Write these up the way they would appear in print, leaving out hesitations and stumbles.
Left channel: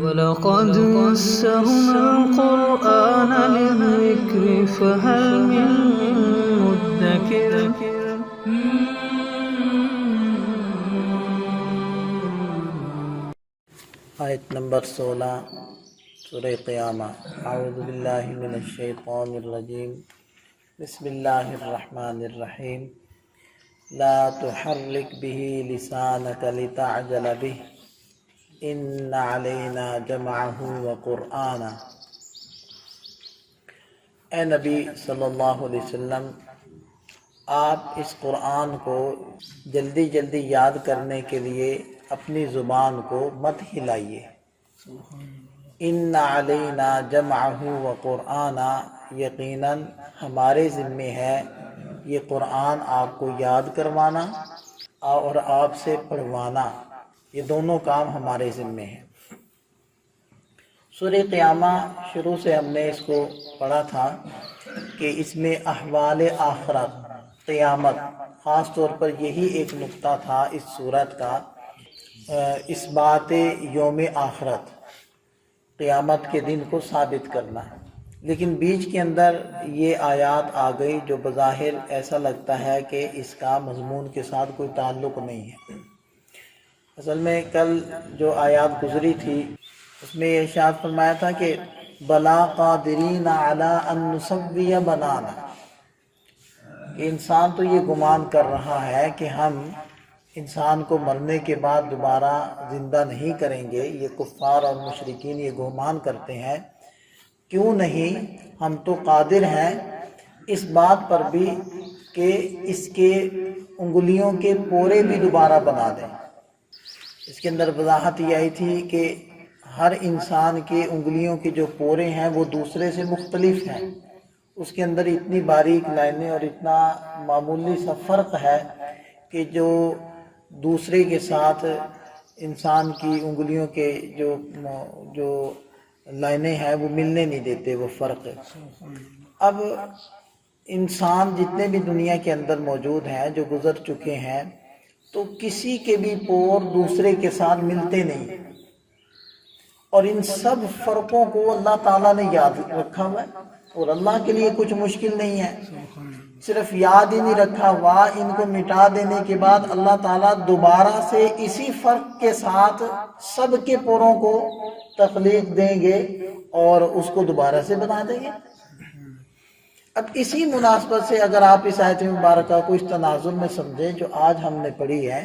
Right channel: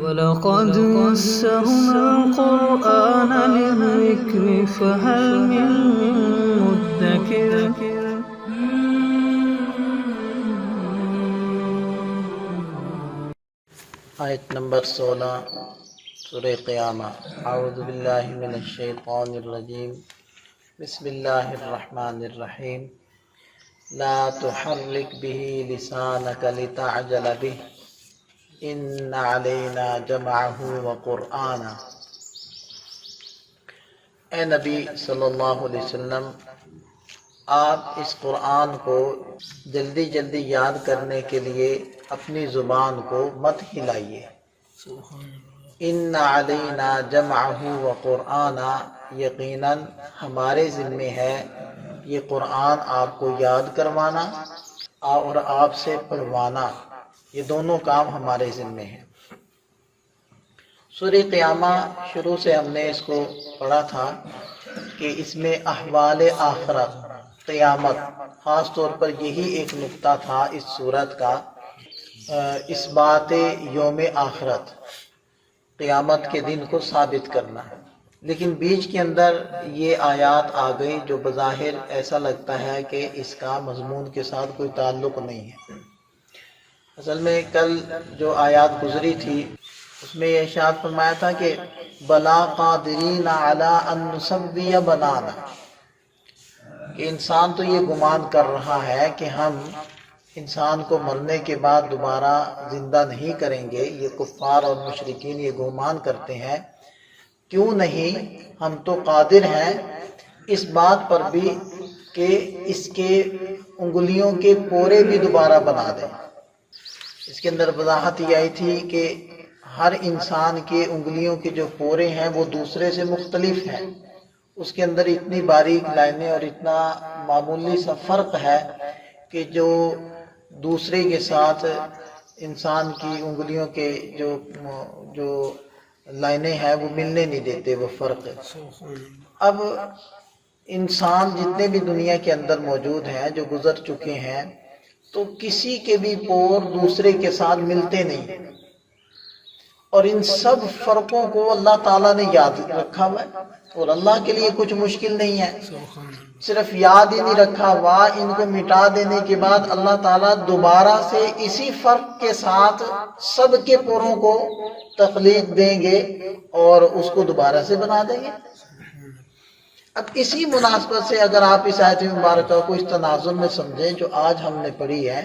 وَلَقَدْ يَسَّرْنَا الْقُرْآنَ لِلذِّكْرِ فَهَلْ مِن مُّدَّكِرٍ۔ آیت نمبر 16 سورہ قیامہ۔ اعوذ باللہ من الشیطان الرجیم، بسم اللہ الرحمن الرحیم۔ لا تحرک به لسانک لتعجل به ان علینا جمعہ وقرآنہ۔ اے نبی صلی اللہ علیہ وسلم، آپ اس قرآن کو جلدی جلدی یاد کرنے کے لیے اپنی زبان کو مت ہلائیے۔ ان علینا جمعہ وقرآنہ، یقیناً ہمارے ذمے ہے یہ قرآن آپ کو یاد کروانا اور آپ سے پڑھوانا، یہ دونوں کام ہمارے ذمے ہیں۔ سورہ قیامہ شروع سے ہم نے اس کو پڑھا تھا کہ اس میں احوال آخرت، قیامت، خاص طور پر یہی ایک نقطہ تھا اس سورت کا، اس بات یوم آخرت، قیامت کے دن کو ثابت کرنا۔ لیکن بیچ کے اندر یہ آیات آ گئی جو بظاہر ایسا لگتا ہے کہ اس کا مضمون کے ساتھ کوئی تعلق نہیں ہے۔ اصل میں کل جو آیات گزری تھی اس میں یہ ارشاد فرمایا تھا کہ بلا قادرین علی ان نسوی بنانا، کہ انسان تو یہ گمان کر رہا ہے کہ ہم انسان کو مرنے کے بعد دوبارہ زندہ نہیں کریں گے، یہ کفار اور مشرکین یہ گمان کرتے ہیں۔ کیوں نہیں، ہم تو قادر ہیں اس بات پر بھی کہ اس کے انگلیوں کے پورے بھی دوبارہ بنا دیں۔ اس کے اندر وضاحت یہ آئی تھی کہ ہر انسان کے انگلیوں کے جو پورے ہیں وہ دوسرے سے مختلف ہیں، اس کے اندر اتنی باریک لائنیں اور اتنا معمولی سا فرق ہے کہ جو دوسرے کے ساتھ انسان کی انگلیوں کے جو لائنیں ہیں وہ ملنے نہیں دیتے، وہ فرق۔ اب انسان جتنے بھی دنیا کے اندر موجود ہیں جو گزر چکے ہیں، تو کسی کے بھی پور دوسرے کے ساتھ ملتے نہیں، اور ان سب فرقوں کو اللہ تعالیٰ نے یاد رکھا ہوا ہے، اور اللہ کے لیے کچھ مشکل نہیں ہے۔ صرف یاد ہی نہیں رکھا ہوا، ان کو مٹا دینے کے بعد اللہ تعالیٰ دوبارہ سے اسی فرق کے ساتھ سب کے پوروں کو تخلیق دیں گے اور اس کو دوبارہ سے بنا دیں گے۔ اب اسی مناسبت سے اگر آپ اس آیت مبارکہ کو اس تناظر میں سمجھیں جو آج ہم نے پڑھی ہے،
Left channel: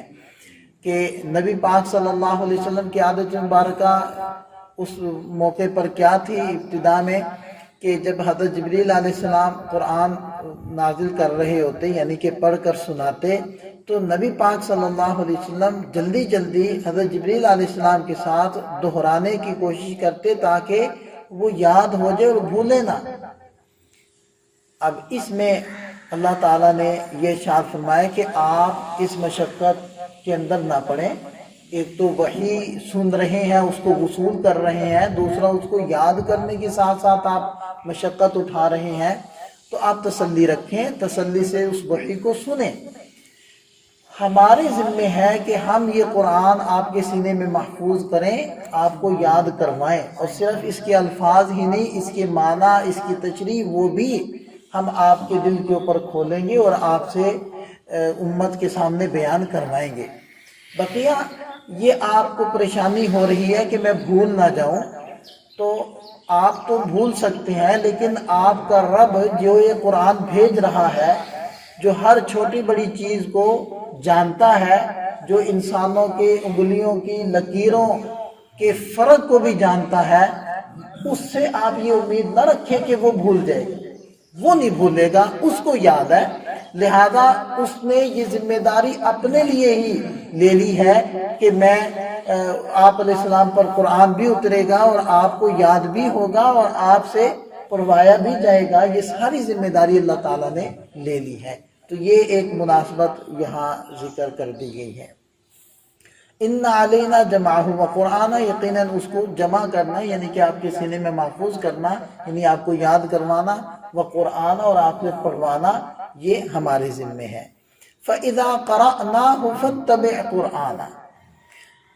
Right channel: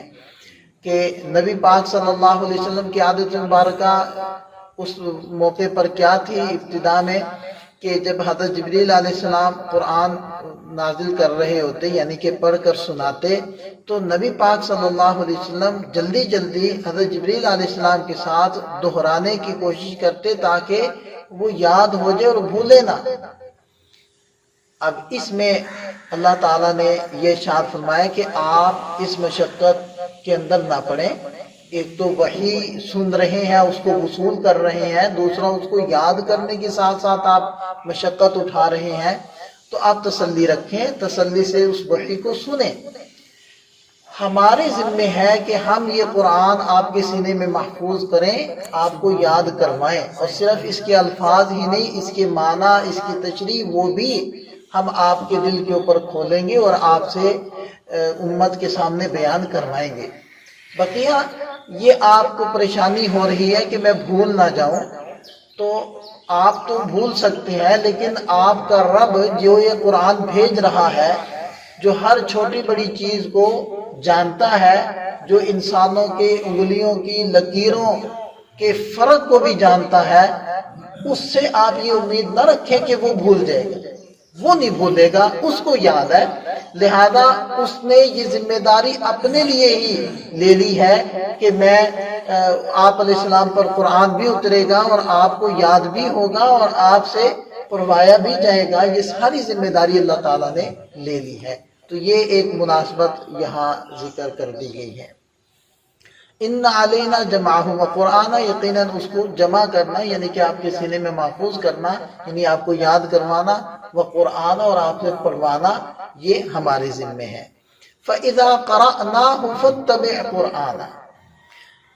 کہ نبی پاک صلی اللہ علیہ وسلم کی عادت مبارکہ اس موقع پر کیا تھی ابتدا میں، کہ جب حضرت جبریل علیہ السلام قرآن نازل کر رہے ہوتے، یعنی کہ پڑھ کر سناتے، تو نبی پاک صلی اللہ علیہ وسلم جلدی جلدی حضرت جبریل علیہ السلام کے ساتھ دہرانے کی کوشش کرتے تاکہ وہ یاد ہو جائے اور بھولے نہ۔ اب اس میں اللہ تعالیٰ نے یہ ارشاد فرمایا کہ آپ اس مشقت کے اندر نہ پڑیں۔ ایک تو وحی سن رہے ہیں، اس کو وصول کر رہے ہیں، دوسرا اس کو یاد کرنے کے ساتھ ساتھ آپ مشقت اٹھا رہے ہیں، تو آپ تسلی رکھیں، تسلی سے اس وحی کو سنیں۔ ہمارے ذمہ ہے کہ ہم یہ قرآن آپ کے سینے میں محفوظ کریں، آپ کو یاد کروائیں، اور صرف اس کے الفاظ ہی نہیں، اس کے معنی، اس کی تشریح وہ بھی ہم آپ کے دل کے اوپر کھولیں گے اور آپ سے امت کے سامنے بیان کروائیں گے۔ بقیہ یہ آپ کو پریشانی ہو رہی ہے کہ میں بھول نہ جاؤں، تو آپ تو بھول سکتے ہیں، لیکن آپ کا رب جو یہ قرآن بھیج رہا ہے، جو ہر چھوٹی بڑی چیز کو جانتا ہے، جو انسانوں کے انگلیوں کی لکیروں کے فرق کو بھی جانتا ہے، اس سے آپ یہ امید نہ رکھیں کہ وہ بھول جائے گا، وہ نہیں بھولے گا، اس کو یاد ہے۔ لہذا اس نے یہ ذمہ داری اپنے لیے ہی لے لی ہے کہ میں آپ علیہ السلام پر قرآن بھی اترے گا اور آپ کو یاد بھی ہوگا اور آپ سے پڑھوایا بھی جائے گا، یہ ساری ذمہ داری اللہ تعالیٰ نے لے لی ہے۔ تو یہ ایک مناسبت یہاں ذکر کر دی گئی ہے۔ ان علینا جمعہ و قرآن، یقیناً اس کو جمع کرنا یعنی کہ آپ کے سینے میں محفوظ کرنا، یعنی آپ کو یاد کروانا، و قرآن اور آپ سے پڑھوانا، یہ ہمارے ذمہ ہے۔ فَإِذَا قَرَأْنَاهُ فَاتَّبِعْ قُرْآنَهُ،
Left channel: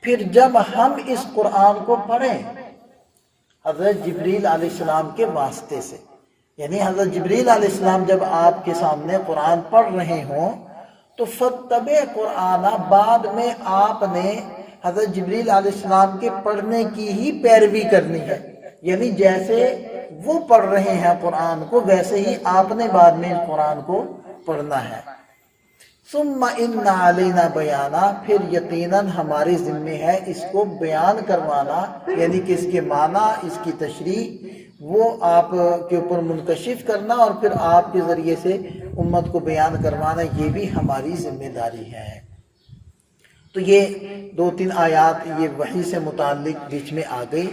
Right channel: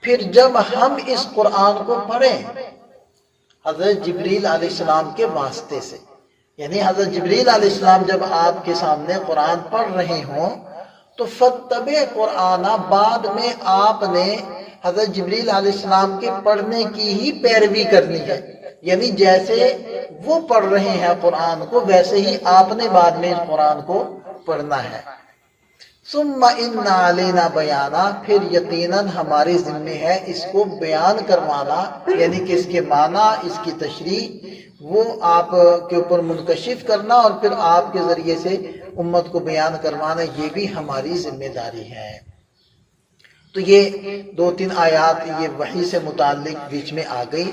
پھر جب ہم اس قرآن کو پڑھیں حضرت جبریل علیہ السلام کے واسطے سے، یعنی حضرت جبریل علیہ السلام جب آپ کے سامنے قرآن پڑھ رہے ہوں تو فَاتَّبِعْ قرآن، بعد میں آپ نے حضرت جبریل علیہ السلام کے پڑھنے کی ہی پیروی کرنی ہے، یعنی جیسے وہ پڑھ رہے ہیں قرآن کو ویسے ہی آپ نے بعد میں اس قرآن کو پڑھنا ہے۔ ثم ان علینا بیانا، پھر یقیناً ہمارے ذمہ ہے اس کو بیان کروانا، یعنی کہ اس کے معنی، اس کی تشریح وہ آپ کے اوپر منکشف کرنا اور پھر آپ کے ذریعے سے امت کو بیان کروانا، یہ بھی ہماری ذمہ داری ہے۔ تو یہ 2-3 آیات یہ وحی سے متعلق بیچ میں آ گئی۔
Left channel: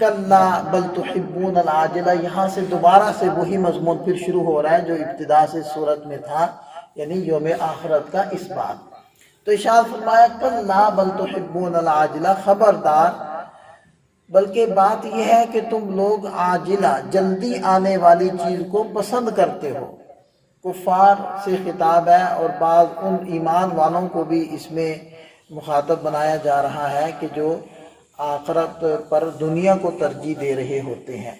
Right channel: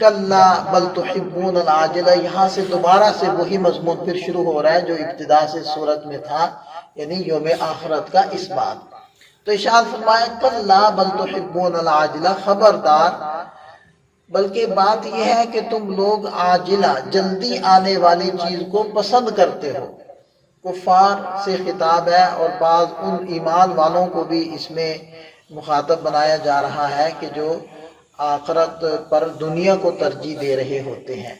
کلا بل تحبون العاجلہ، یہاں سے دوبارہ سے وہی مضمون پھر شروع ہو رہا ہے جو ابتدا سے سورت میں تھا، یعنی یوم آخرت کا اس بات۔ تو ارشاد فرمایا کلا بل تحبون العاجلہ، خبردار، بلکہ بات یہ ہے کہ تم لوگ عاجلہ، جلدی آنے والی چیز کو پسند کرتے ہو۔ کفار سے خطاب ہے اور بعض ان ایمان والوں کو بھی اس میں مخاطب بنایا جا رہا ہے کہ جو آخرت پر دنیا کو ترجیح دے رہے ہوتے ہیں۔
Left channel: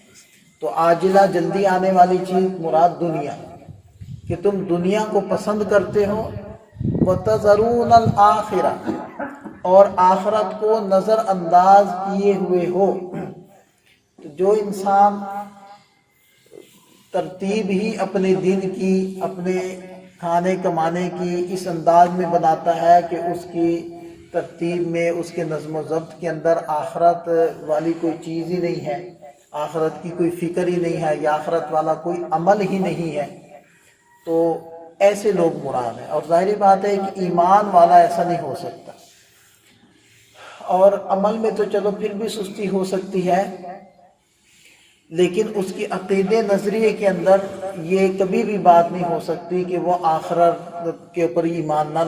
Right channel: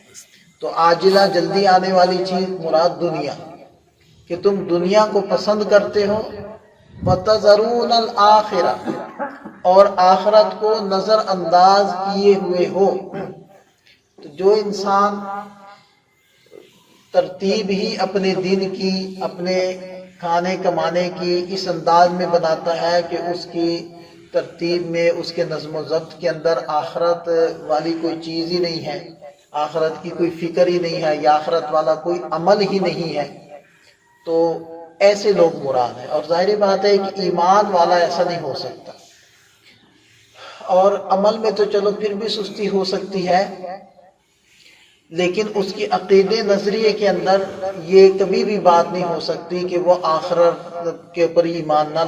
تو عاجلہ، جلدی آنے والی چیز مراد دنیا، کہ تم دنیا کو پسند کرتے ہو، وَتَذَرُونَ الْآخِرَةَ، اور آخرت کو نظر انداز کیے ہوئے ہو۔ تو جو انسان ترتیب ہی اپنے دن کی، اپنے کھانے کمانے کی اس انداز میں بناتا ہے کہ اس کی ترتیب میں، اس کے نظم و ضبط کے اندر آخرت والی کوئی چیز ہی نہیں ہے، آخرت کی کوئی فکر ہی نہیں ہے، یا آخرت والا کوئی عمل ہی نہیں ہے، تو ایسے لوگ مراد ہیں۔ اور ظاہری بات ہے کہ ایمان والا ایسا نہیں ہو سکتا، اور عمل میں تو چلو پھر بھی سستی ہو سکتی ہے، لیکن اس کی عقیدے نظریے کے اندر یہ کبھی بھی بات نہیں ہو سکتی کہ وہ آخرت کے اوپر ایمان نہ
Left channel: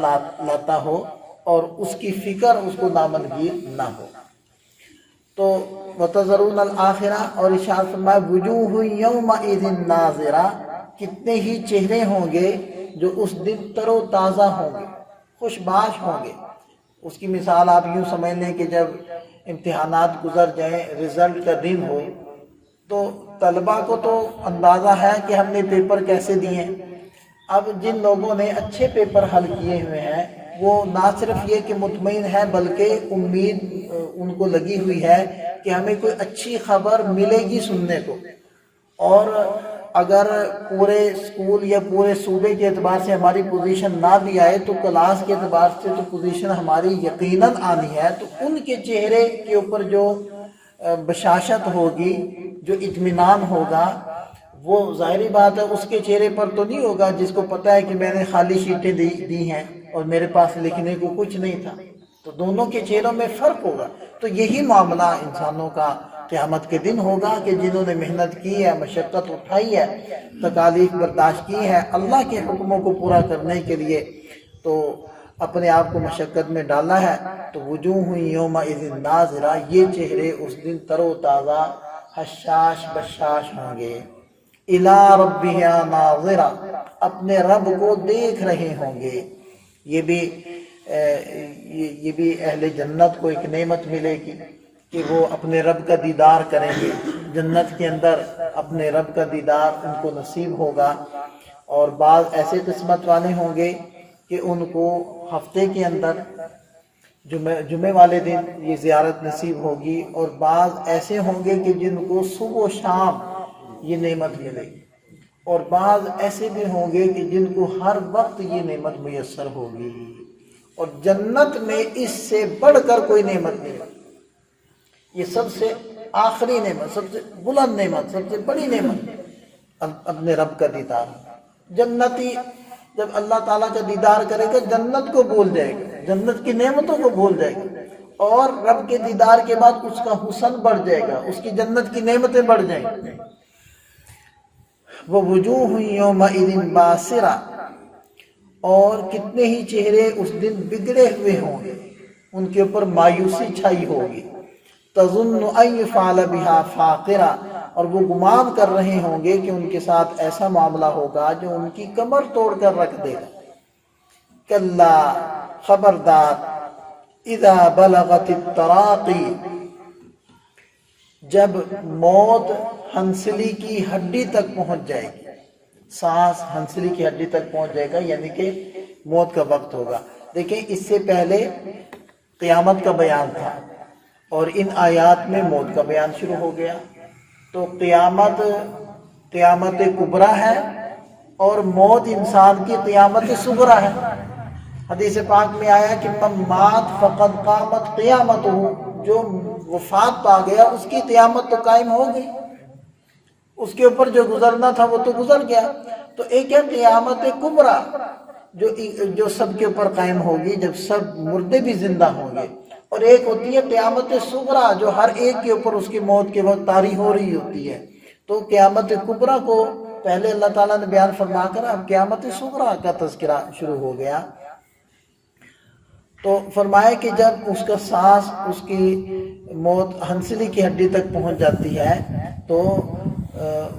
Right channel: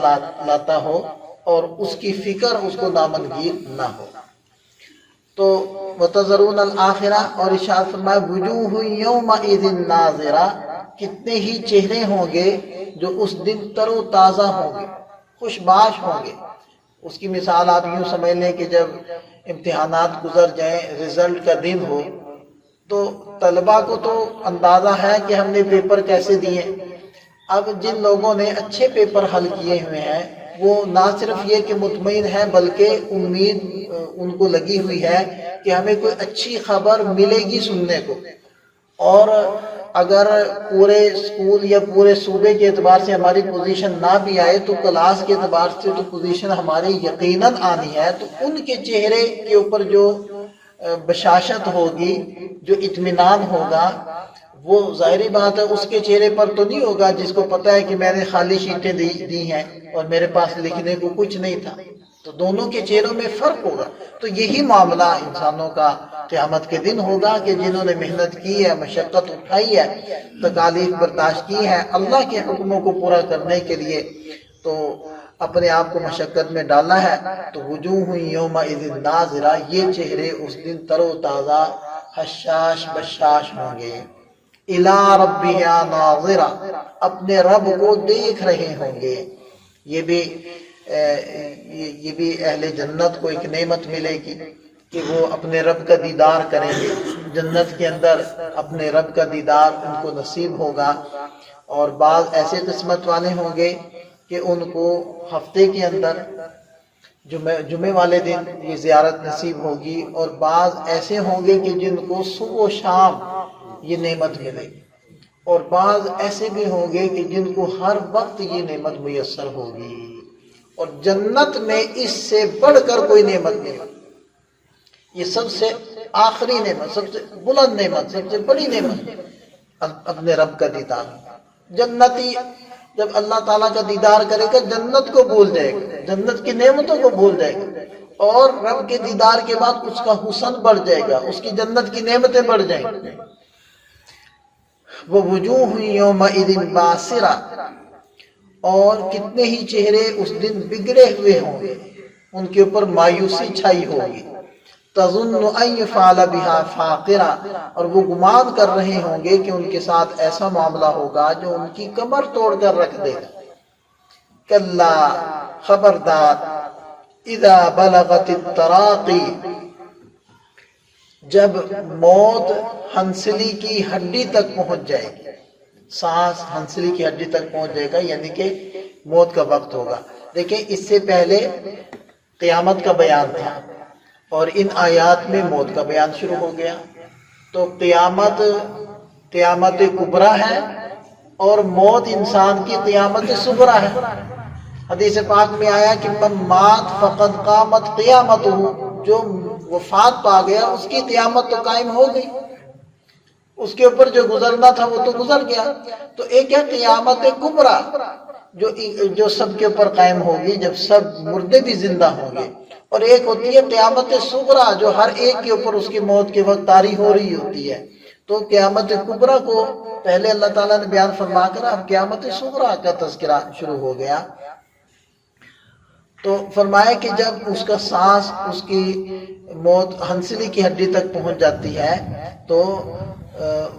لاتا ہو اور اس کی فکر اس کو نامنگیر نہ ہو۔ تو وَتَذَرُونَ الْآخِرَةَ، اور ارشاد فرمایا وُجُوهٌ يَوْمَئِذٍ نَاظِرَةٌ، کتنے ہی چہرے ہوں گے جو اس دن تر و تازہ ہوں گے، خوش باش ہوں گے۔ اس کی مثال آپ یوں سمجھ لیں کہ جب امتحانات گزر جائیں، رزلٹ کا دن ہو، تو طلبہ کو تو اندازہ ہے کہ ہم نے پیپر کیسے دیے۔ اب جن لوگوں نے اچھے پیپر حل کیے ہوئے ہیں وہ نہ صرف یہ کہ مطمئن ہیں، بلکہ امید ان کو لگی ہوئی ہے کہ ہمیں کوئی اچھی خبر ملے گی سننے کو، اور اگر پورے اسکول یا پورے صوبے کے اعتبار سے ہماری پوزیشن نہ بھی آئے تو کلاس کے اعتبار سے تو پوزیشن ہماری یقیناً آنی ہے۔ تو ان کے چہرے کے اوپر جو بشاشت ہوگی، جو اطمینان ہوگا، وہ ظاہری بات ہے اس کے چہرے پر تو نہیں ہوگا جس کو پتہ ہے کہ میں نے خالی شیٹیں دی ہیں اور میرے پاس لکھنے کو کچھ نہیں تھا۔ تو دونوں کے چہروں میں فرق ہوگا۔ تو یہی معاملہ انسانوں کا قیامت کے دن ہوگا کہ جنہوں نے محنت کی ہے، مشقت اٹھائی ہے، تکالیف برداشت کی ہے اللہ کے حکموں کو پورا کرنے کے لیے، تو اپنے آپ کو مشقت میں ڈالا ہے، تو وجوہ یومئذ ناظرہ، یہ چہرے اس دن تر و تازہ، حشاش بشاش ہوں گے۔ الی ربہا ناظرہ، اپنے رب کو دیکھ رہے ہوں گے۔ یہ بھی اہل جنت کو ایک نعمت ملے گی کہ وہ اپنے رب کا دیدار کریں گے۔ جنت کے اندر اپنے رب کا دیدار ان کو نصیب ہوگا، اور بعض ایسے قسمت والے ہوں گے کہ ان کو ہفتے کے اندر جمعے والے دن یہ زیارت نصیب ہوگی، اور بعض ایسے ہوں گے کہ جن کو صبح و شام یہ نعمت ملے گی، اور بعض ایسے بھی ہوں گے کہ جن کو ہر وقت یہ نعمت میسر ہوگی۔ اور جنت میں اس سے بڑھ کر کوئی نعمت نہیں، یہ سب سے آخری نعمت، سب سے بلند نعمت، سب سے بڑی نعمت اپنے رب کا دیدار۔ جنتی جب اللہ تعالیٰ کا دیدار کرے گا جنت کو بھول جائے گا، جنت کی نعمتوں کو بھول جائے گا، اور رب کے دیدار کے بعد اس کا حسن بڑھ جائے گا، اس کی جنت کی نعمتیں بڑھ جائیں گی۔ وَوُجُوهٌ يَوْمَئِذٍ بَاسِرَةٌ، اور کتنے ہی چہرے اس دن بگڑے ہوئے ہوں گے، ان کے اوپر مایوسی چھائی ہوگی۔ تَظُنُّ أَن يُفْعَلَ بِهَا فَاقِرَةٌ، اور وہ گمان کر رہے ہوں گے کہ ان کے ساتھ ایسا معاملہ ہوگا جو ان کی کمر توڑ کر رکھ دے گا۔ کلا، خبردار، اذا بلغت التراقی، جب موت ہنسلی کی ہڈی تک پہنچ جائے گی، سانس ہنسلی کی ہڈی تک پہنچ جائے گا، یعنی کہ موت کا وقت ہوگا۔ دیکھیں اس سے پہلے قیامت کا بیان تھا اور ان آیات میں موت کا بیان شروع ہو گیا۔ تو قیامت کبریٰ ہے اور موت انسان کی قیامت صغریٰ ہے۔ حدیث پاک میں آیا کہ من مات فقد قامت قیامتہ، جو وفات پا گیا اس کی قیامت تو قائم ہو گئی، اس کے اوپر جو گزرنا تھا وہ تو گزر گیا۔ تو ایک ہے قیامت کبریٰ جو سب کے اوپر قائم ہوگی جب سب مردے بھی زندہ ہوں گے، اور ایک ہوتی ہے قیامت صغریٰ جو ہر ایک کے اوپر اس کی موت کے وقت طاری ہو رہی ہوتی ہے۔ تو قیامت کبریٰ کو پہلے اللہ تعالیٰ نے بیان فرما کر اب قیامت صغریٰ کا تذکرہ شروع ہو گیا۔ تو فرمایا کہ جب اس کا سانس، اس کی موت ہنسلی کی ہڈی تک پہنچ جاتی ہے تو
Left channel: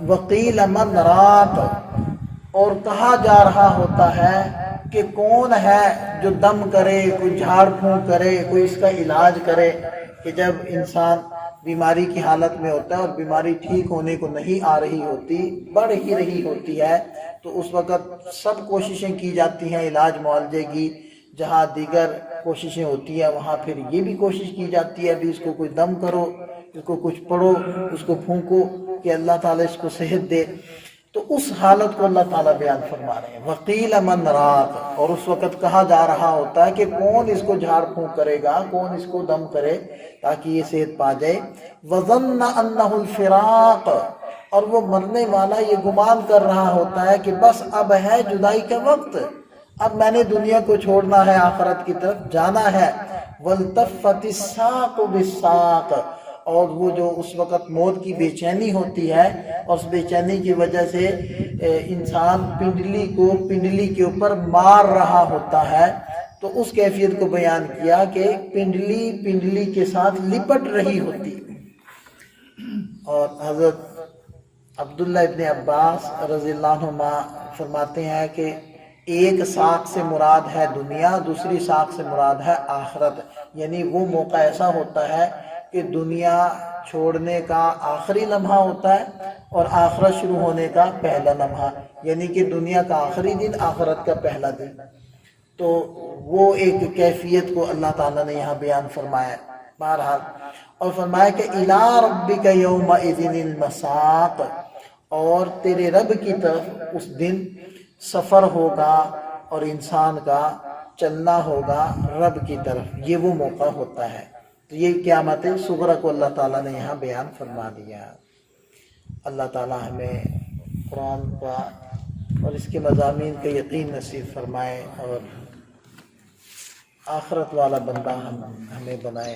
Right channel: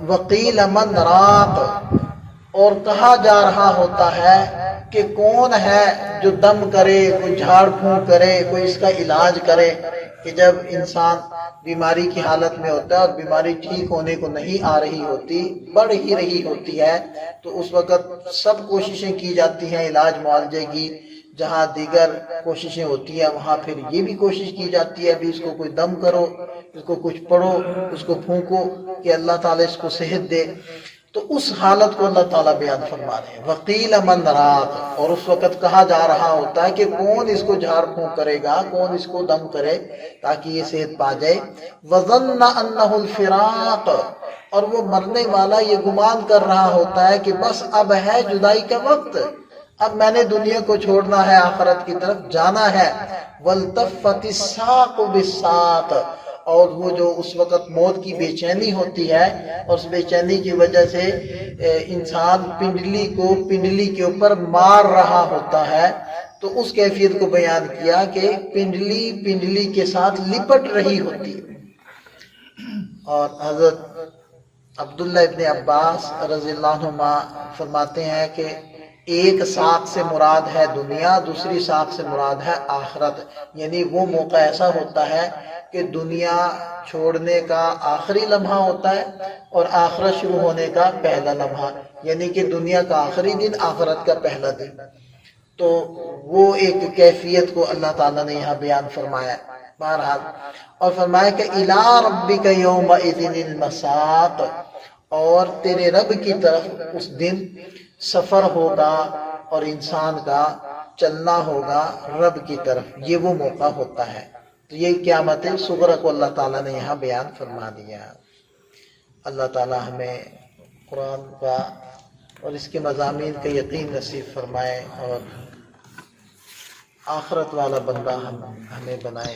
وقیل من راق، اور کہا جا رہا ہوتا ہے کہ کون ہے جو دم کرے، کوئی جھاڑ پھونک کرے، کوئی اس کا علاج کرے۔ کہ جب انسان بیماری کی حالت میں ہوتا ہے اور بیماری ٹھیک ہونے کو نہیں آ رہی ہوتی، بڑھ ہی رہی ہوتی ہے، تو اس وقت سب کوششیں کی جاتی ہیں علاج معالجے کی۔ جہاں دیگر کوششیں ہوتی ہیں وہاں پھر یہ بھی کوشش کی جاتی ہے بھی اس کو کوئی دم کرو، اس کو کچھ پڑھو، اس کو پھونکو کہ اللہ تعالیٰ اس کو صحت دے۔ تو اس حالت کو اللہ تعالیٰ بیان فرما رہے ہیں، وقیل من راق، اور اس وقت کہا جا رہا ہوتا ہے کہ کون اس کو جھاڑ پھونک کرے گا، کون اس کو دم کرے تاکہ یہ صحت پا جائے۔ وظن انہ الفراق، اور وہ مرنے والا یہ گمان کر رہا ہوتا ہے کہ بس اب ہے جدائی کا وقت، اب میں نے دنیا کو چھوڑنا ہے، آخرت کی طرف جانا ہے۔ والتفت الساق بالساق، اور وہ جو اس وقت موت کی بے چینی ہوتی ہے اور اس بے چینی کی وجہ سے انسان پنڈلی کے اوپر مار رہا ہوتا ہے، تو اس کیفیت کو بیان کیا کہ پنڈلی کے ساتھ لپٹ رہی ہوتی ہے۔ اور حضرت عبداللہ ابن عباس رضی اللہ عنہما فرماتے ہیں کہ ایک ساق سے مراد ہے دنیا، دوسری ساق سے مراد ہے آخرت، یعنی وہ موقع ایسا ہوتا ہے کہ دنیا چھوڑنے کا آخری لمحہ ہوتا ہے اور آخرت شروع ہونے کا پہلا لمحہ، یعنی کہ دنیا کا آخری دن، آخرت کا پہلا دن۔ تو وہ ایک کیفیت کو اللہ تعالیٰ نے یہاں بیان فرمایا بہرحال، اور فرمایا کہ اِلیٰ رَبِّکَ یَوْمَئِذٍ الْمَسَاقُ، اور تیرے رب کی طرف اس دن سفر ہوگا اور انسان کا چلنا ہوگا رب کی طرف، یہ وہ موقع ہوتا ہے۔ تو یہ قیامت صغریٰ کو اللہ تعالیٰ نے یہاں بیان فرما دیا۔ اللہ تعالیٰ ہمیں قرآن کا اور اس کے مضامین کا یقین نصیب فرمائے اور آخرت والا بندہ ہمیں بنائے۔